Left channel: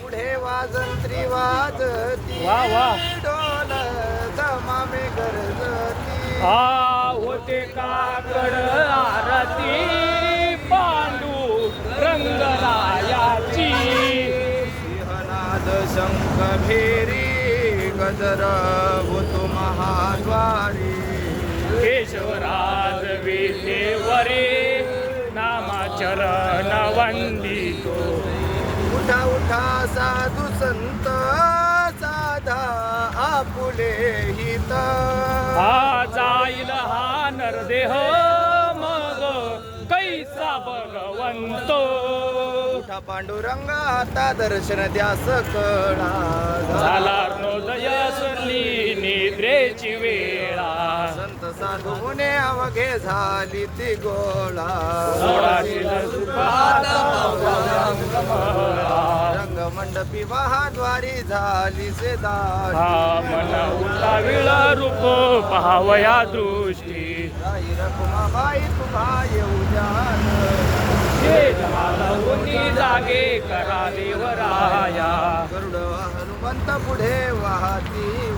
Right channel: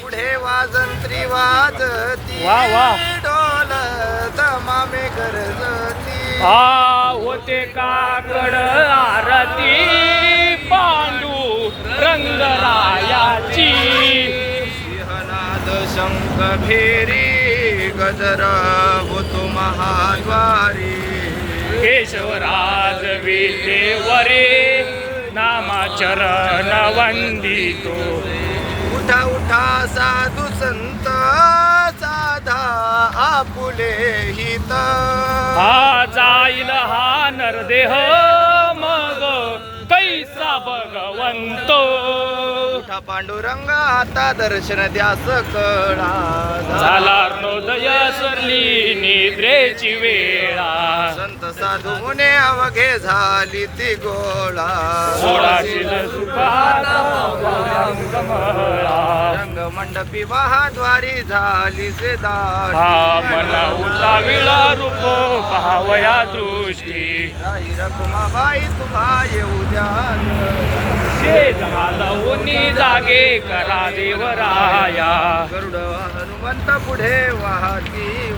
पुढे वाजंत्री वाजती वा, वा. डोल दमामे गरजती. होते काकड आरती पांडू रंगरायाची सिंहनाद शंख भेरी गजर होतो महाद्वारी. केशवराज विटेवरे नामाचरण वंदितो. उठा उठा साधू संत साधा आपुले हित. हा जाईल हा नरदेह मग कैसा भगवंत. उठा पांडुरंग आता दर्शन द्या सकळा. झाला हृदय सरली निद्रेची वेळा. संत साधू मुने अवघे झाली ती गोळा. सुखाचा रंगमंडपी महाद्वारी झाली से दारी. हा मना उलाविला रूप पाहावया दृष्टी. राई रखुमाबाई तुम्हा येऊ द्या. जागे करा देवराया. गरुड हनुमंत पुढे वाहती